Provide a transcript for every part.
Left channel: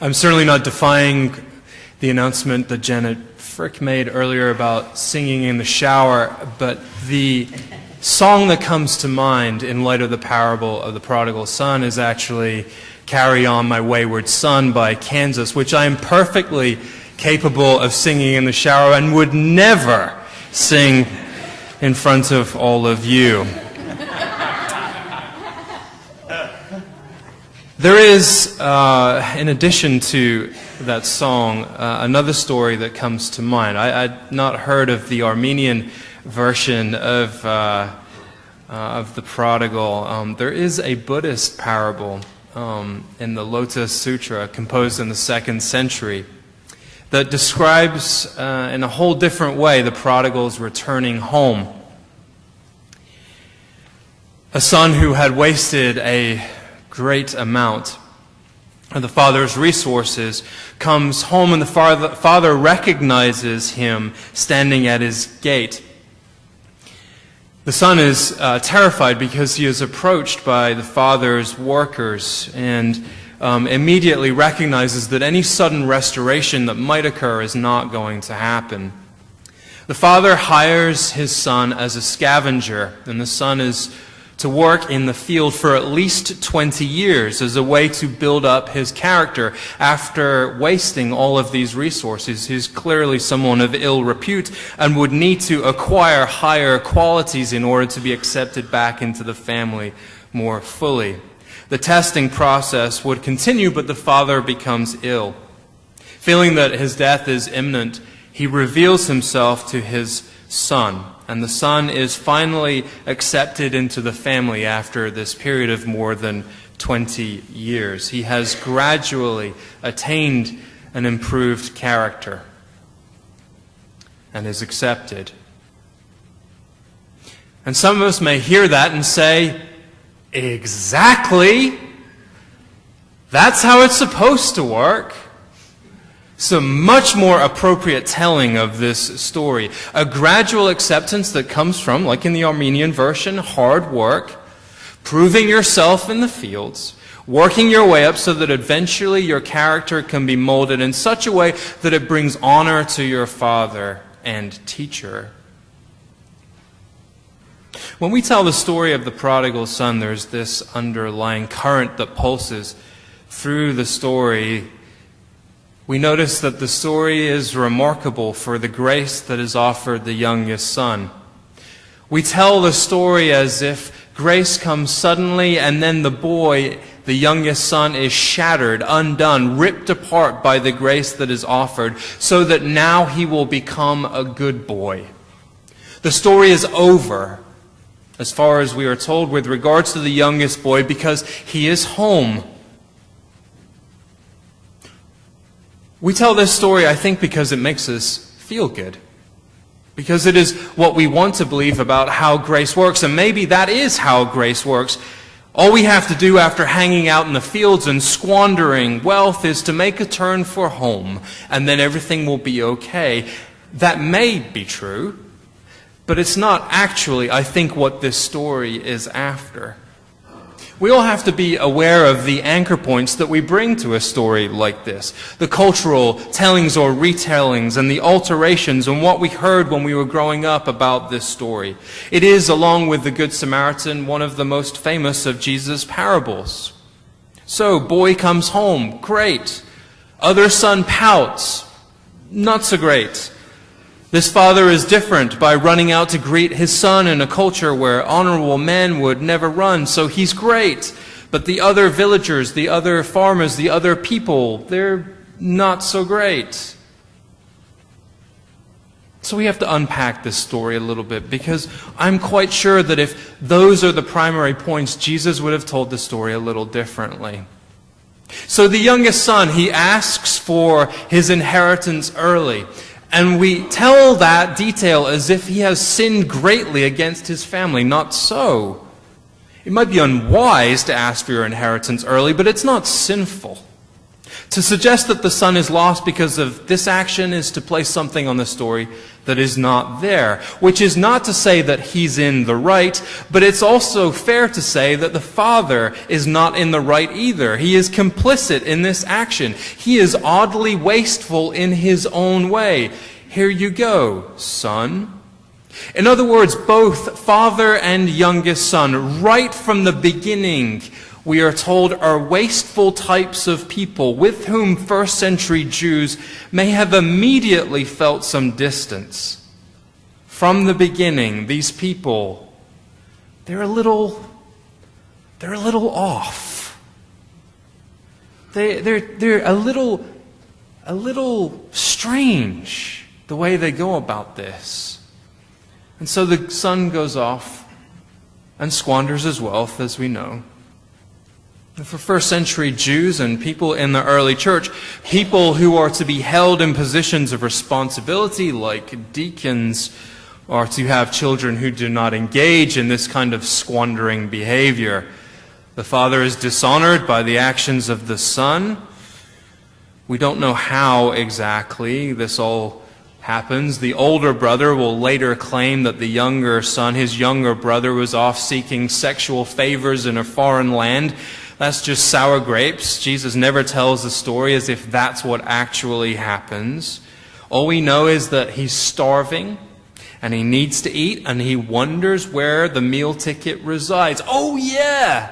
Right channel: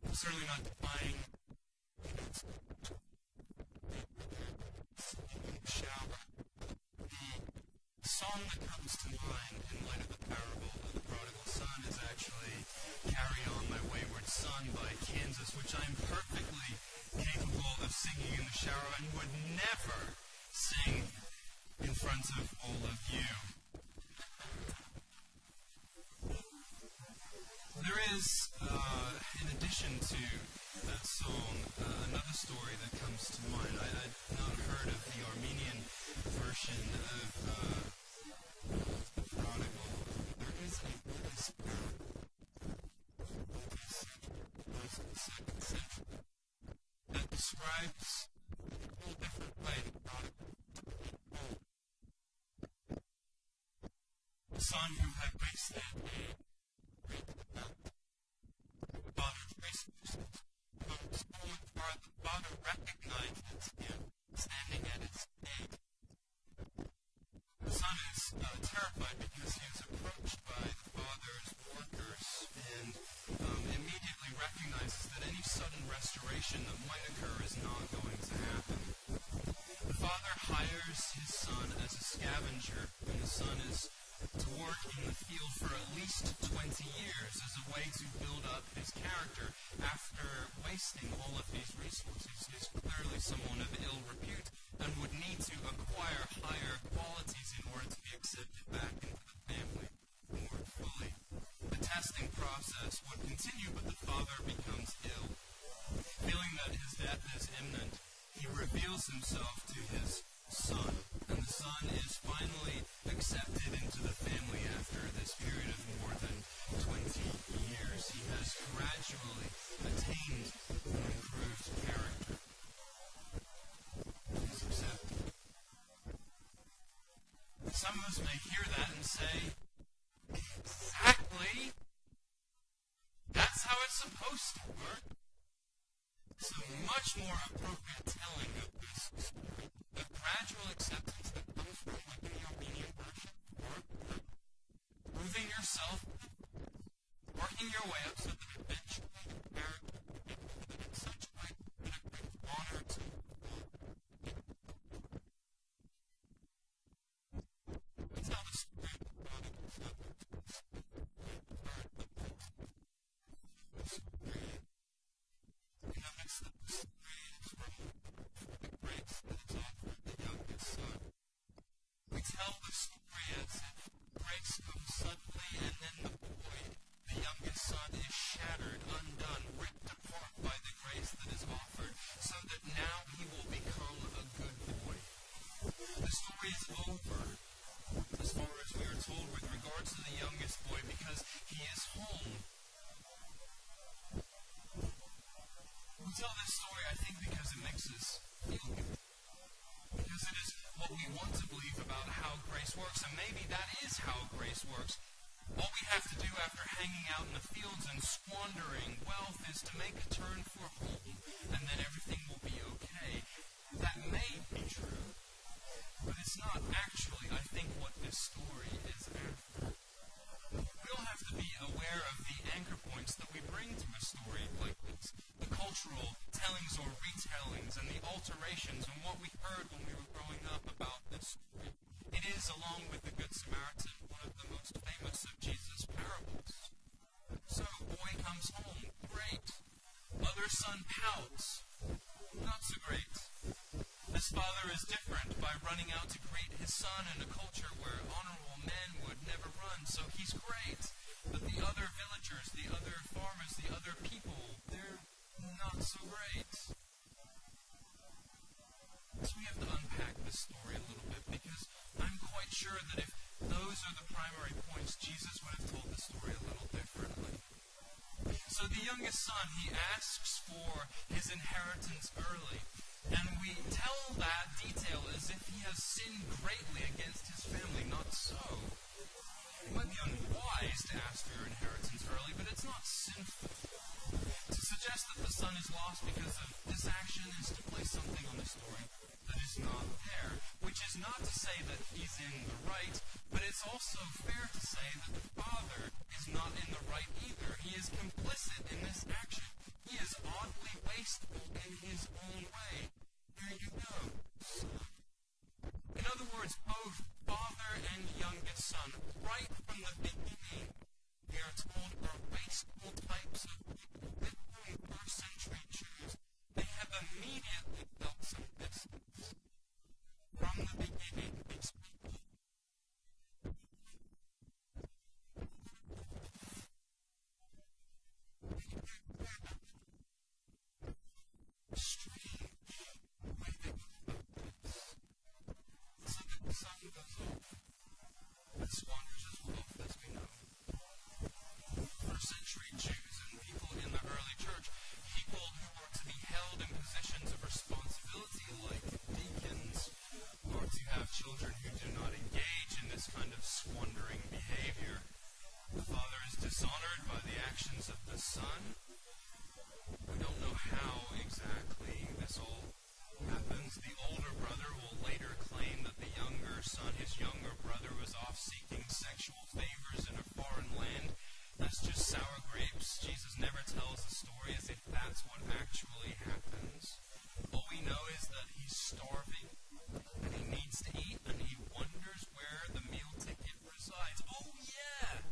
I'm certainly not defying the announcement that Janet Frick made earlier about singing in the shower, but the song that comes to mind in light of the parable of the prodigal son is actually Carry On My Wayward Son by Kansas, which I am perfectly capable of singing in the shower and would never sing in front of all of you. There is, in addition to that song, another story that comes to mind. I'd not heard of the Armenian version of the prodigal. There is a Buddhist parable in the Lotus Sutra, composed in the 2nd century, that describes in a whole different way the prodigal's returning home. A son who had wasted a great amount of the father's resources comes home, and the father recognizes him standing at his gate. The son is terrified because he is approached by the father's workers and immediately recognizes that any sudden restoration that might occur is not going to happen. The father hires his son as a scavenger, and the son is to work in the field for at least 20 years as a way to build up his character. After wasting all of these resources, he's clearly someone of ill repute and would need to acquire higher qualities in order to be accepted back into the family more fully. The testing process would continue, but the father becomes ill. Feeling that his death is imminent, he reveals himself to his son. And the son is finally accepted into the family after this period of more than 20 years. He has gradually attained an improved character and is accepted. And some of us may hear that and say, exactly, that's how it's supposed to work. So much more appropriate telling of this story. A gradual acceptance that comes from, like in the Armenian version, hard work, proving yourself in the fields, working your way up so that eventually your character can be molded in such a way that it brings honor to your father and teacher. When we tell the story of the prodigal son, there's this underlying current that pulses through the story. We notice that the story is remarkable for the grace that is offered the youngest son. We tell the story as if grace comes suddenly, and then the boy, the youngest son, is shattered, undone, ripped apart by the grace that is offered, so that now he will become a good boy. The story is over, as far as we are told, with regards to the youngest boy, because he is home. We tell this story, I think, because it makes us feel good. Because it is what we want to believe about how grace works. And maybe that is how grace works. All we have to do after hanging out in the fields and squandering wealth is to make a turn for home, and then everything will be okay. That may be true, but it's not actually, I think, what this story is after. We all have to be aware of the anchor points that we bring to a story like this. The cultural tellings or retellings and the alterations and what we heard when we were growing up about this story. It is, along with the Good Samaritan, one of the most famous of Jesus' parables. So, boy comes home, great. Other son pouts, not so great. This father is different by running out to greet his son in a culture where honorable men would never run, so he's great. But the other villagers, the other farmers, the other people, they're not so great. So we have to unpack this story a little bit, because I'm quite sure that if those are the primary points, Jesus would have told the story a little differently. So the youngest son, he asks for his inheritance early. And we tell that detail as if he has sinned greatly against his family. Not so. It might be unwise to ask for your inheritance early, but it's not sinful. To suggest that the son is lost because of this action is to place something on the story that is not there, which is not to say that he's in the right, but it's also fair to say that the father is not in the right either. He is complicit in this action. He is oddly wasteful in his own way. Here you go, son. In other words, both father and youngest son, right from the beginning, we are told, are wasteful types of people with whom first century Jews may have immediately felt some distance. From the beginning, these people, they're a little off. They're a little strange the way they go about this. And so the son goes off and squanders his wealth, as we know. For first century Jews and people in the early church, people who are to be held in positions of responsibility, like deacons, are to have children who do not engage in this kind of squandering behavior. The father is dishonored by the actions of the son. We don't know how exactly this all happens. The older brother will later claim that the younger son, his younger brother, was off seeking sexual favors in a foreign land. That's just sour grapes. Jesus never tells the story as if that's what actually happens. All we know is that he's starving and he needs to eat and he wonders where the meal ticket resides. Oh yeah!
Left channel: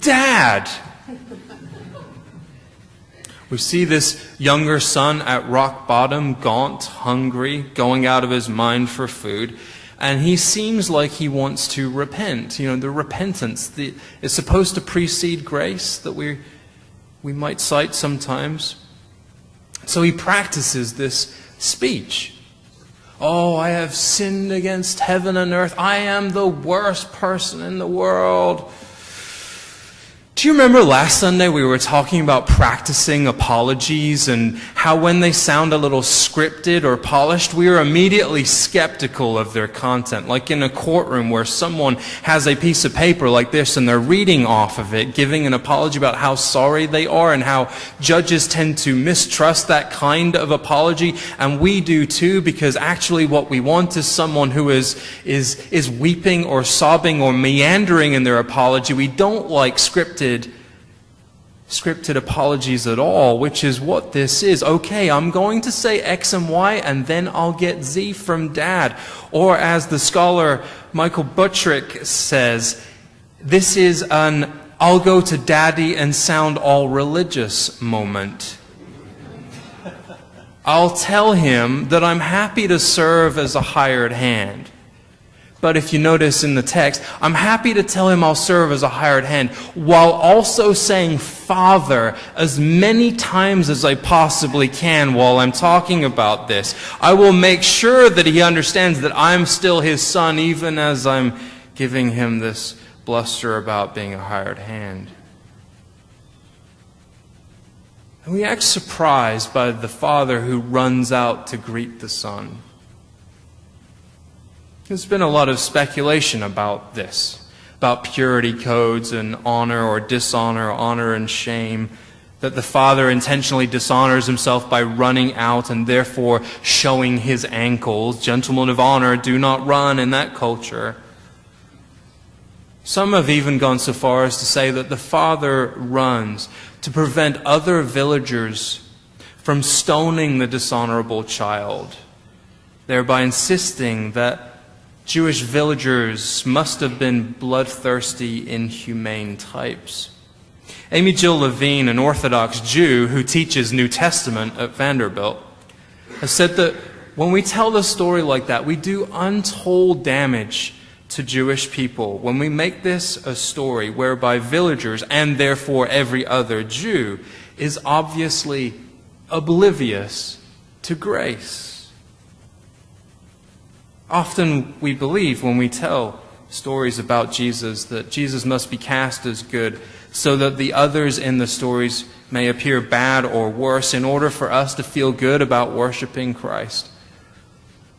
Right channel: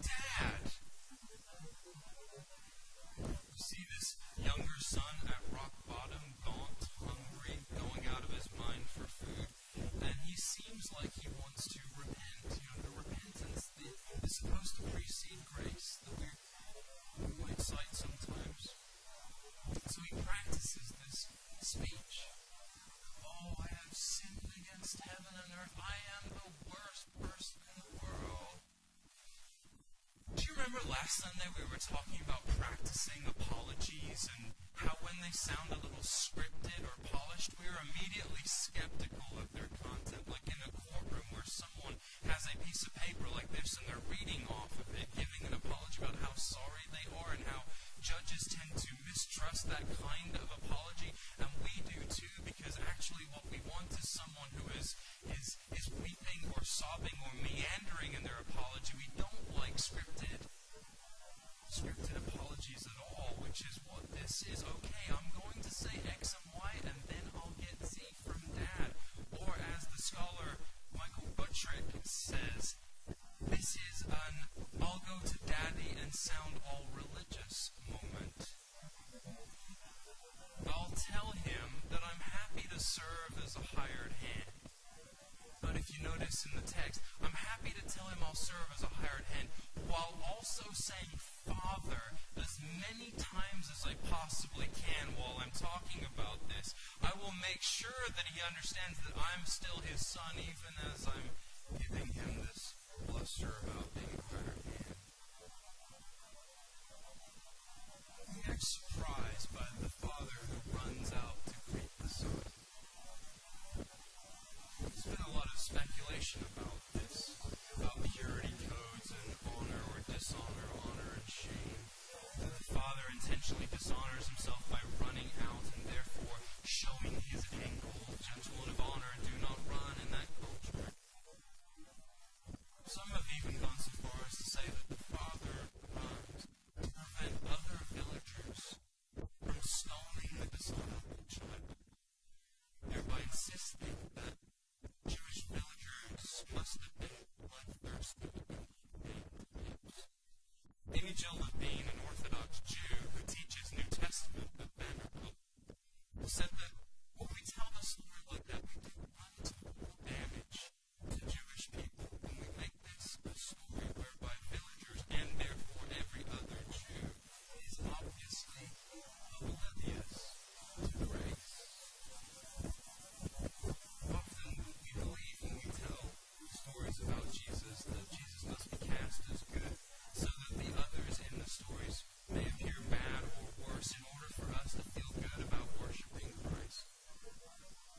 Dad! We see this younger son at rock bottom, gaunt, hungry, going out of his mind for food. And he seems like he wants to repent. You know, the repentance is supposed to precede grace that we might cite sometimes. So he practices this speech. Oh, I have sinned against heaven and earth. I am the worst person in the world. Do you remember last Sunday we were talking about practicing apologies and how when they sound a little scripted or polished, we are immediately skeptical of their content? Like in a courtroom where someone has a piece of paper like this and they're reading off of it, giving an apology about how sorry they are, and how judges tend to mistrust that kind of apology. And we do too, because actually what we want is someone who is weeping or sobbing or meandering in their apology. We don't like scripted apologies at all, which is what this is. Okay, I'm going to say X and Y, and then I'll get Z from Dad. Or as the scholar Michael Buttrick says, this is an I'll go to Daddy and sound all religious moment. I'll tell him that I'm happy to serve as a hired hand. But if you notice in the text, I'm happy to tell him I'll serve as a hired hand, while also saying Father as many times as I possibly can while I'm talking about this. I will make sure that he understands that I'm still his son, even as I'm giving him this bluster about being a hired hand. And we act surprised by the father who runs out to greet the son. There's been a lot of speculation about this, about purity codes and honor or dishonor, honor and shame, that the father intentionally dishonors himself by running out and therefore showing his ankles. Gentlemen of honor do not run in that culture. Some have even gone so far as to say that the father runs to prevent other villagers from stoning the dishonorable child, thereby insisting that Jewish villagers must have been bloodthirsty, inhumane types. Amy Jill Levine, an Orthodox Jew who teaches New Testament at Vanderbilt, has said that when we tell the story like that, we do untold damage to Jewish people when we make this a story whereby villagers, and therefore every other Jew, is obviously oblivious to grace. Often we believe when we tell stories about Jesus that Jesus must be cast as good so that the others in the stories may appear bad or worse in order for us to feel good about worshiping Christ.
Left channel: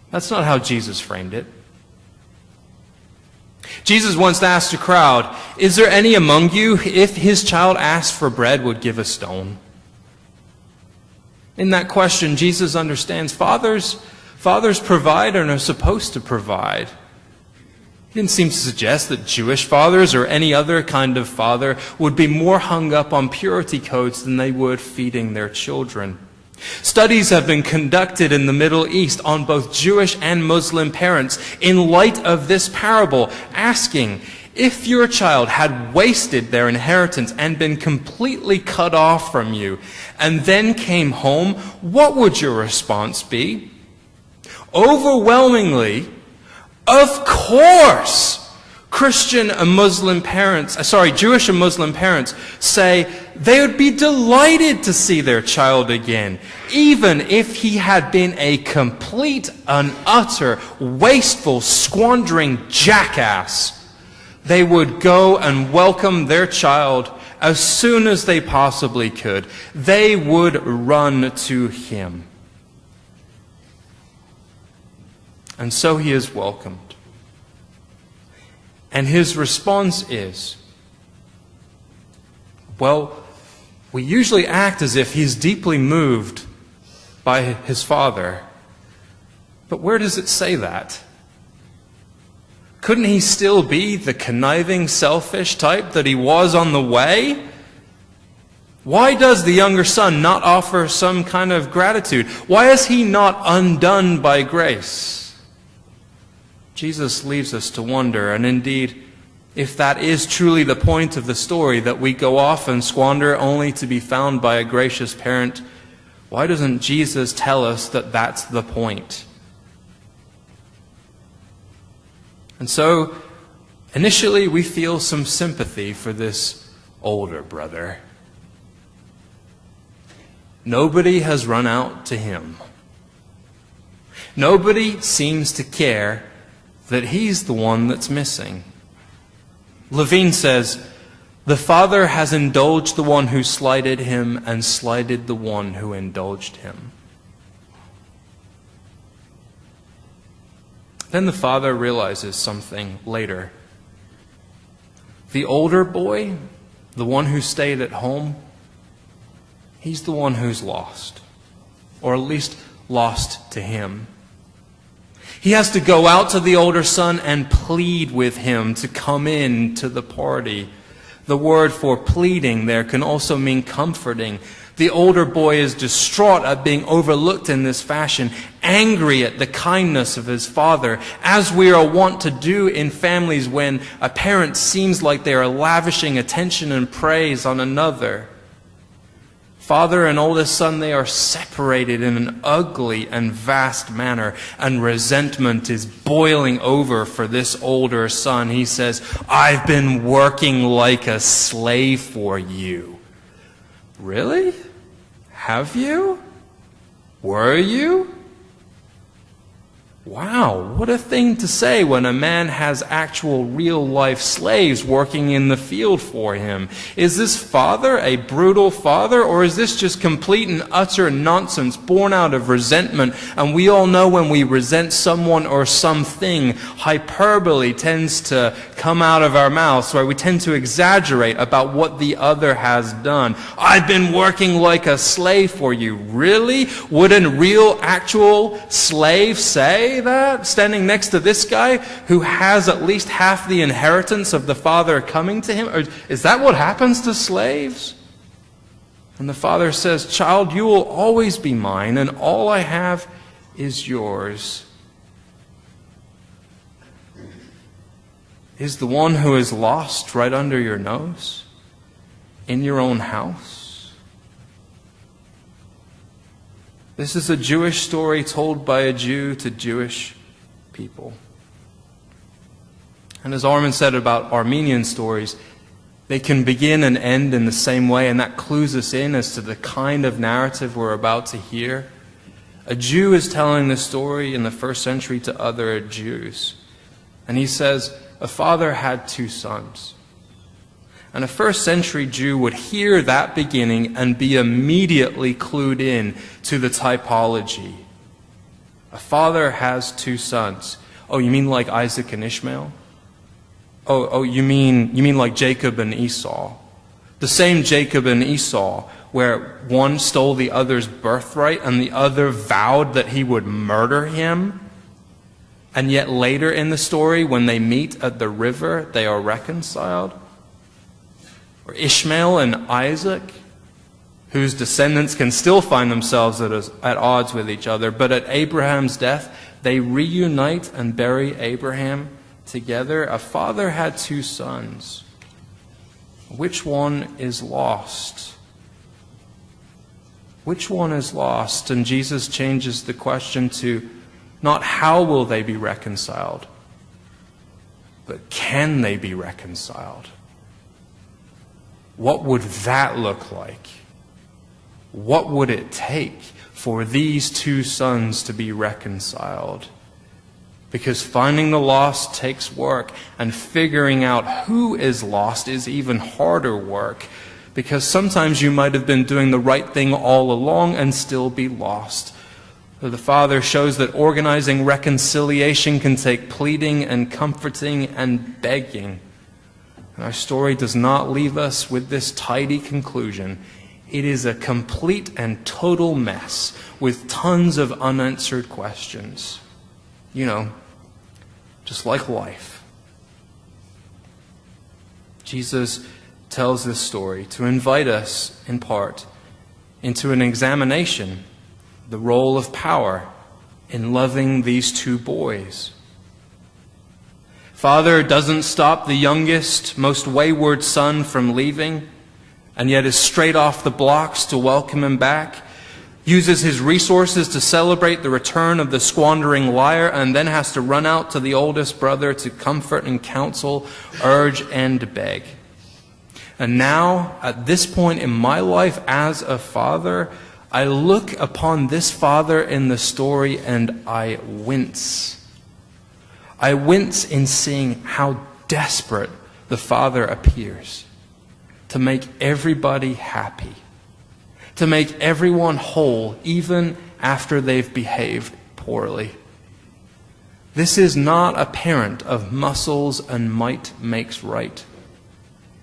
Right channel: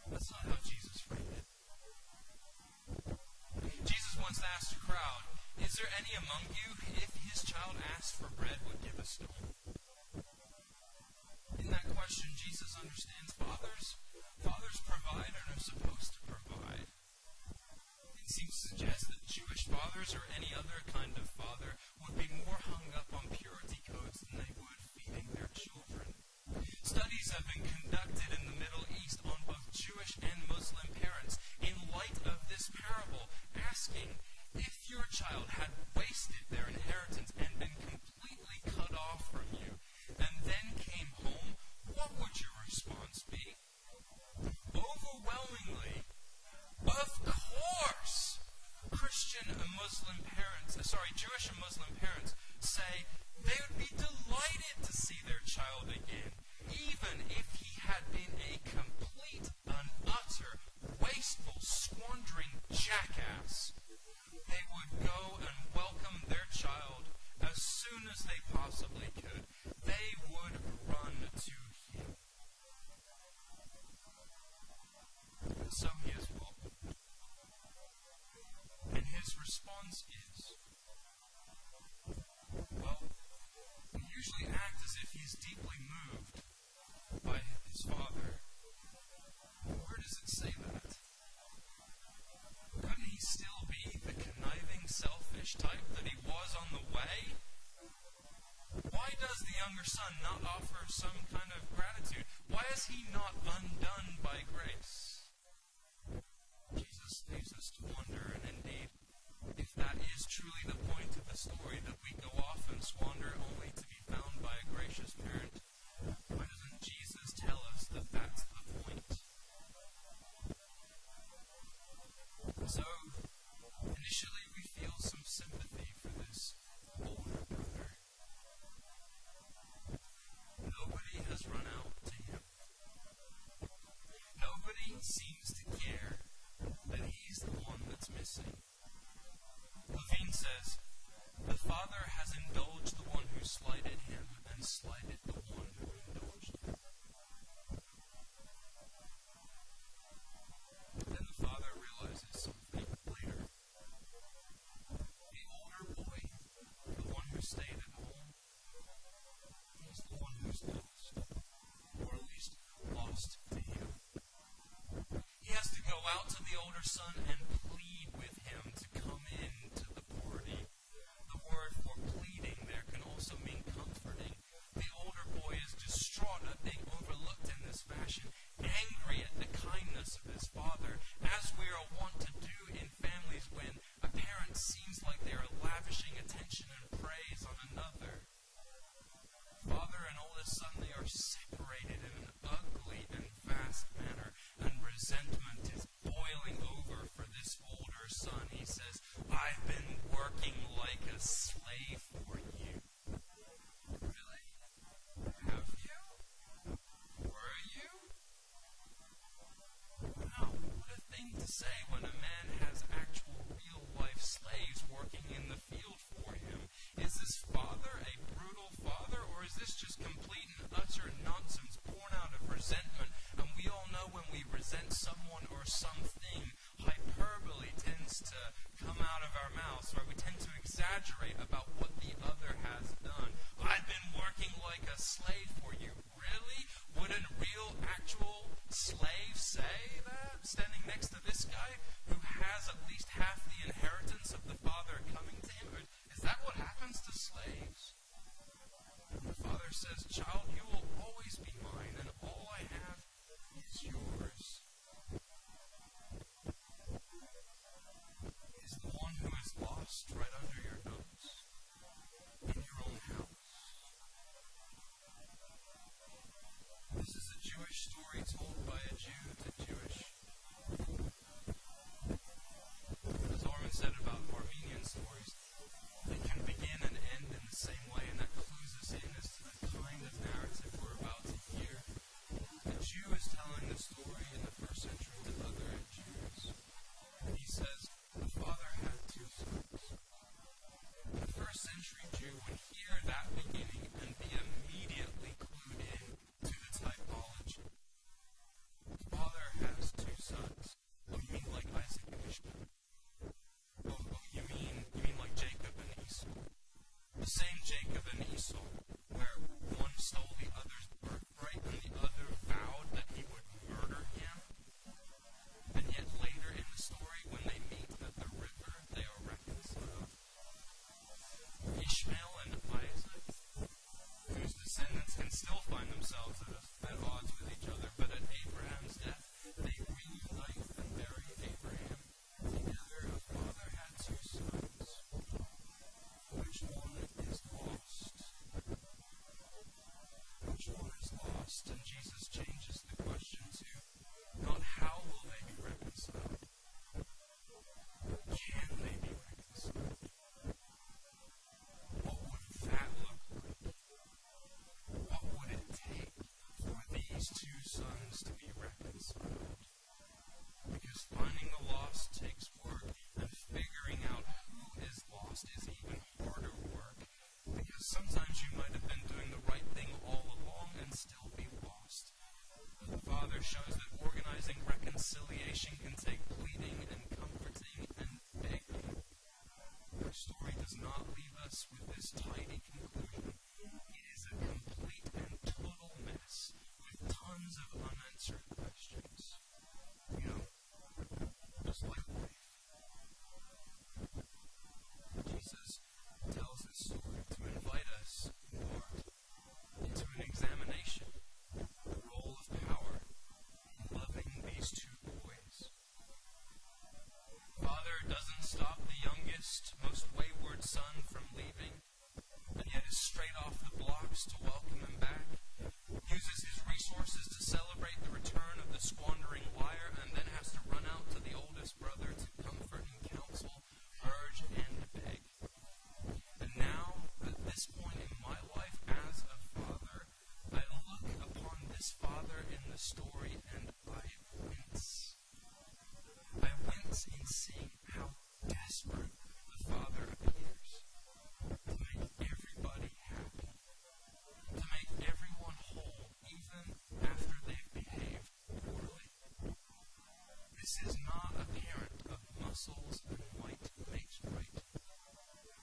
That's not how Jesus framed it. Jesus once asked a crowd, "Is there any among you, if his child asked for bread, would give a stone?" In that question, Jesus understands fathers provide and are supposed to provide. He didn't seem to suggest that Jewish fathers or any other kind of father would be more hung up on purity codes than they would feeding their children. Studies have been conducted in the Middle East on both Jewish and Muslim parents in light of this parable, asking, if your child had wasted their inheritance and been completely cut off from you, and then came home, what would your response be? Overwhelmingly, of course, Jewish and Muslim parents say they would be delighted to see their child again, even if he had been a complete and utter, wasteful, squandering jackass. They would go and welcome their child as soon as they possibly could. They would run to him. And so he is welcomed. And his response is, well, we usually act as if he's deeply moved by his father. But where does it say that? Couldn't he still be the conniving, selfish type that he was on the way? Why does the younger son not offer some kind of gratitude? Why is he not undone by grace? Jesus leaves us to wonder, and indeed, if that is truly the point of the story, that we go off and squander only to be found by a gracious parent, why doesn't Jesus tell us that that's the point? And so, initially we feel some sympathy for this older brother. Nobody has run out to him. Nobody seems to care that he's the one that's missing. Levine says, the father has indulged the one who slighted him and slighted the one who indulged him. Then the father realizes something later. The older boy, the one who stayed at home, he's the one who's lost, or at least lost to him. He has to go out to the older son and plead with him to come in to the party. The word for pleading there can also mean comforting. The older boy is distraught at being overlooked in this fashion, angry at the kindness of his father, as we are wont to do in families when a parent seems like they are lavishing attention and praise on another. Father and oldest son, they are separated in an ugly and vast manner, and resentment is boiling over for this older son. He says, I've been working like a slave for you. Really? Have you? Were you? Wow, what a thing to say when a man has actual real-life slaves working in the field for him. Is this father a brutal father, or is this just complete and utter nonsense born out of resentment? And we all know when we resent someone or something, hyperbole tends to come out of our mouths, right? We tend to exaggerate about what the other has done. I've been working like a slave for you. Really? Would a real, actual slave say that, standing next to this guy who has at least half the inheritance of the father coming to him? Or is that what happens to slaves? And the father says, child, you will always be mine, and all I have is yours. Is the one who is lost right under your nose, in your own house? This is a Jewish story told by a Jew to Jewish people. And as Armin said about Armenian stories, they can begin and end in the same way, and that clues us in as to the kind of narrative we're about to hear. A Jew is telling this story in the first century to other Jews. And he says, a father had 2 sons. And a first century Jew would hear that beginning and be immediately clued in to the typology. A father has 2 sons. Oh, you mean like Isaac and Ishmael? Oh, you mean like Jacob and Esau? The same Jacob and Esau where one stole the other's birthright and the other vowed that he would murder him. And yet later in the story, when they meet at the river, they are reconciled. Or Ishmael and Isaac, whose descendants can still find themselves at odds with each other, but at Abraham's death, they reunite and bury Abraham together. A father had two sons. Which one is lost? Which one is lost? And Jesus changes the question to not how will they be reconciled, but can they be reconciled? What would that look like? What would it take for these two sons to be reconciled? Because finding the lost takes work, and figuring out who is lost is even harder work, because sometimes you might have been doing the right thing all along and still be lost. So the Father shows that organizing reconciliation can take pleading and comforting and begging. And our story does not leave us with this tidy conclusion. It is a complete and total mess with tons of unanswered questions. You know, just like life. Jesus tells this story to invite us, in part, into an examination, the role of power in loving these two boys. Father doesn't stop the youngest, most wayward son from leaving, and yet is straight off the blocks to welcome him back, uses his resources to celebrate the return of the squandering liar, and then has to run out to the oldest brother to comfort and counsel, urge and beg. And now, at this point in my life as a father, I look upon this father in the story and I wince. I wince in seeing how desperate the father appears to make everybody happy, to make everyone whole, even after they've behaved poorly. This is not a parent of muscles and might makes right.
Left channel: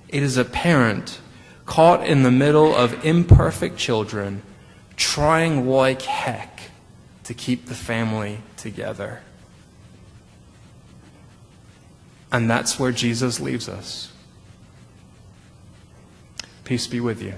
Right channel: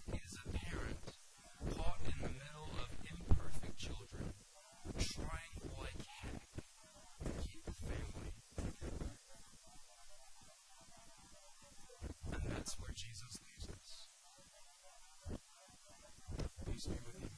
It is a parent caught in the middle of imperfect children, trying like heck to keep the family together. And that's where Jesus leaves us. Peace be with you.